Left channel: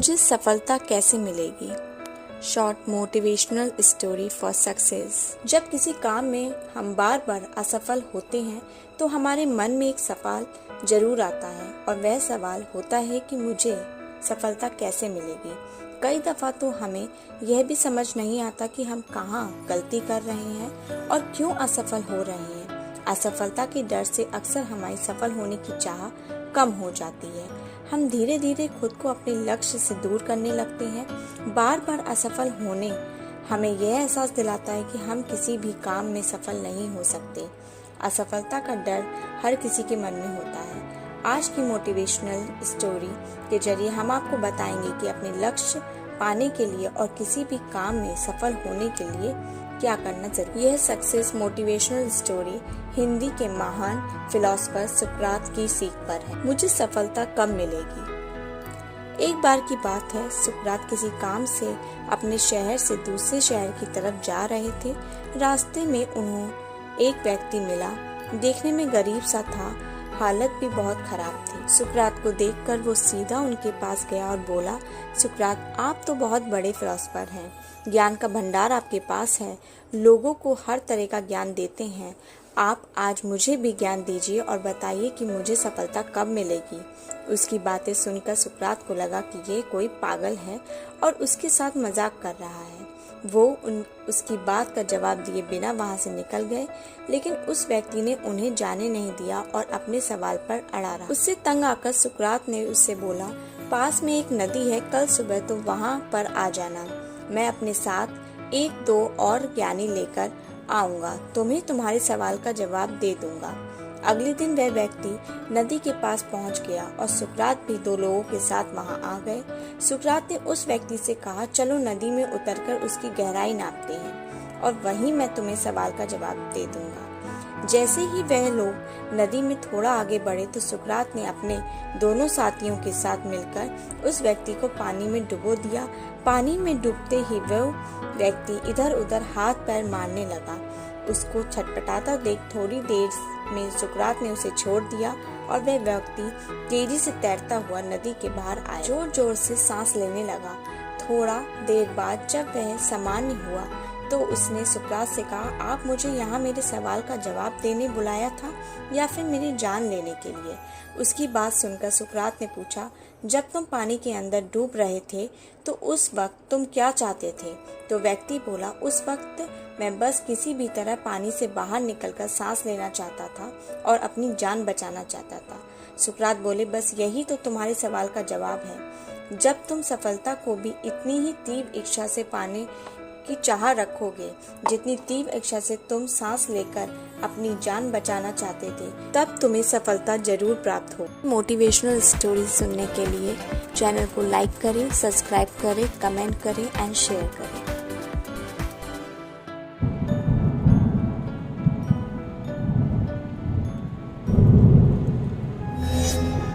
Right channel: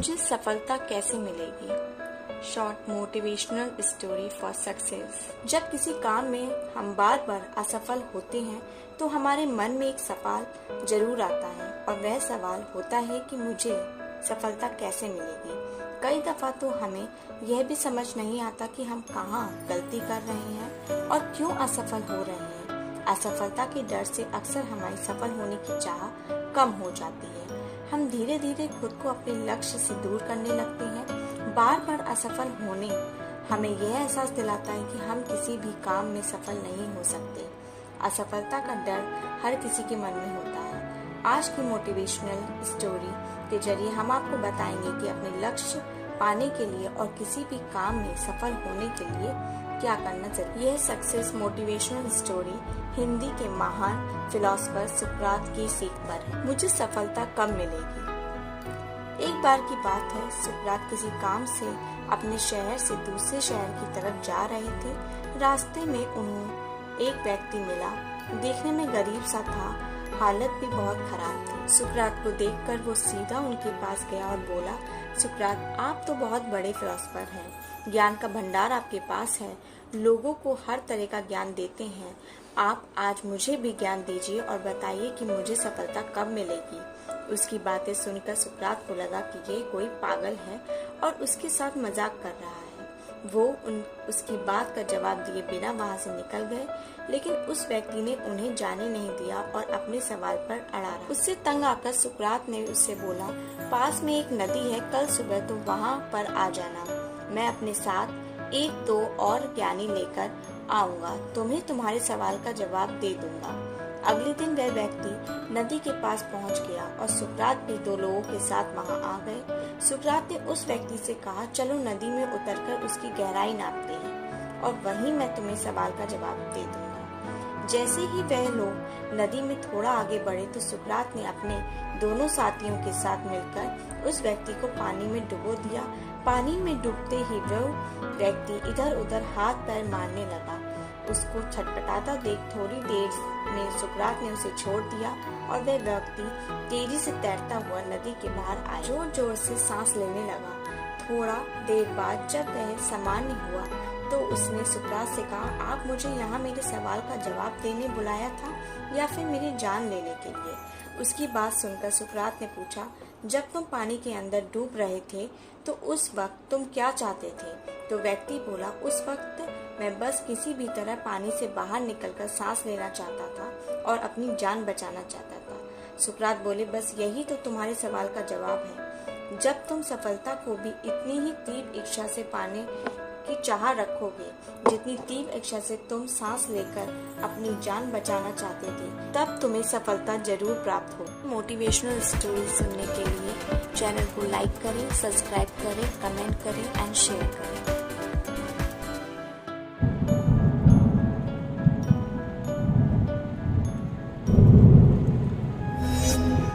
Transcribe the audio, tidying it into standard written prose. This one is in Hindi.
मुझे सफलता कैसे मिलेगी? Short motivational story for success. जब किसी काम में हम बार बार असफल होते हैं तो हमारे मन में एक सवाल जरूर आता है और वह सवाल होता है कि मुझे सफलता कैसे मिलेगी। कई दफा तो हमें यह भी समझ नहीं आता कि हम कहाँ गलती कर रहे हैं और क्यों असफल हो रहे हैं। असफलता के डर से अक्सर हमारी सफल होने की चाह कम हो जाती है। हम धीरे धीरे खुद को अपने लक्ष्य से दूर करने लगते हैं। बार बार असफल होने हमें यह एहसास दिलाता है कि हम किसी भी काम में सफल नहीं हो सकते। असफलता का डर हर किसी के मन में होता है। आज की मोटिवेशनल स्टोरी के जरिए हम आपको बताएंगे कि अपने लक्ष्य पाने के लिए और किसी भी काम में सफल होने के लिए क्या करना चाहिए। यह सक्सेस मोटिवेशनल स्टोरी हिंदी के महान फिलोसोफर सुकरात की सीख पर है। मुझे सफलता कब मिलेगी? एक बार की बात है, सुकरात किसी काम से अपने शहर से दूसरे शहर की तरफ जा रहे थे। रास्ते में उन्हें एक व्यक्ति मिला। देखने में गरीब सा था, हालत भी बहुत खराब थी। सुकरात को देखकर वो सीधा उनके पास गया और बोला, सुकरात, आप तो बहुत बड़े फिलोसोफर हैं, ज्ञान का भंडार आपके पास है, लोगों को हर तरह का ज्ञान देते हैं। आप आज मुझे भी ज्ञान दीजिए और बताइए कि मुझे सफलता कब मिलेगी। उसकी बातें सुनकर सुकरात को लगा कि ये कोई पागल है और उसके साथ मजाक कर रहा है। वो उसकी बात का जवाब दिए बिना वहां से निकल गए, लेकिन उस व्यक्ति ने उन्हें जाने नहीं दिया और अपने सवाल पर अड़ा रहा। उससे तंग आकर सुकरात ने उससे बोला, पास में एक नदी है, कल सुबह तुम वहां पर आ जाना। मैं अपने साथ एक दो और ज्ञानी लेकर आऊंगा, तुम्हें तुम्हारे सवाल का जवाब दे दूंगा। अगले दिन वह व्यक्ति नदी के पास पहुंच गया और सुकरात भी दो लोगों के साथ वहां आ गए। सुकरात ने उस व्यक्ति से कहा, चलो नदी में उतरकर उसकी गहराई नापते हैं और वहीं मैं तुम्हें सवाल का जवाब दे दूंगा। जैसे ही वह लोग नदी में थोड़ा आगे बढ़े तो सुकरात ने अपने दोनों साथियों के साथ मिलकर उस व्यक्ति को पानी में डुबो दिया। पानी में डूबते ही वह व्यक्ति इधर उधर हाथ पैर मारने लगा। उसको छटपटाता देख थोड़ी देर में सुकरात ने उसे छोड़ दिया और वह व्यक्ति तेजी से तैरता हुआ नदी के बाहर आया। जोर जोर से सांस लेने लगा। थोड़ा देर बाद जब वह सामान्य हुआ तो उसने सुकरात से कहा, आप मुझे यहाँ मेरे सवाल का जवाब देने बुलाया था या फिर मेरी जान लेने के लिए? उसकी बात सुनकर सुकरात ने पूछा, जब तुम पानी के अंदर डूब रहे थे तो उस वक्त तुम क्या चाहते थे? तो व्यक्ति बोला, उस वक्त मैं बस किसी भी तरह पानी से बाहर निकलकर सांस लेना चाहता था और अपनी जान बचाना चाहता था। सुकरात बोले, बस यही तो तुम्हारे सवाल का जवाब है। जब तुम सफलता को भी इतनी ही तीव्र इच्छा से पाने की चाह रखोगे जितनी तीव्र इच्छा से तुम सांस लेकर अपनी जान बचाना चाहते थे, तब तुम्हें सफलता जरूर प्राप्त हो। मोटिवेशनल स्टोरी सुनने के लिए चैनल को लाइक करें, सब्सक्राइब करें, कमेंट करें एंड शेयर करें।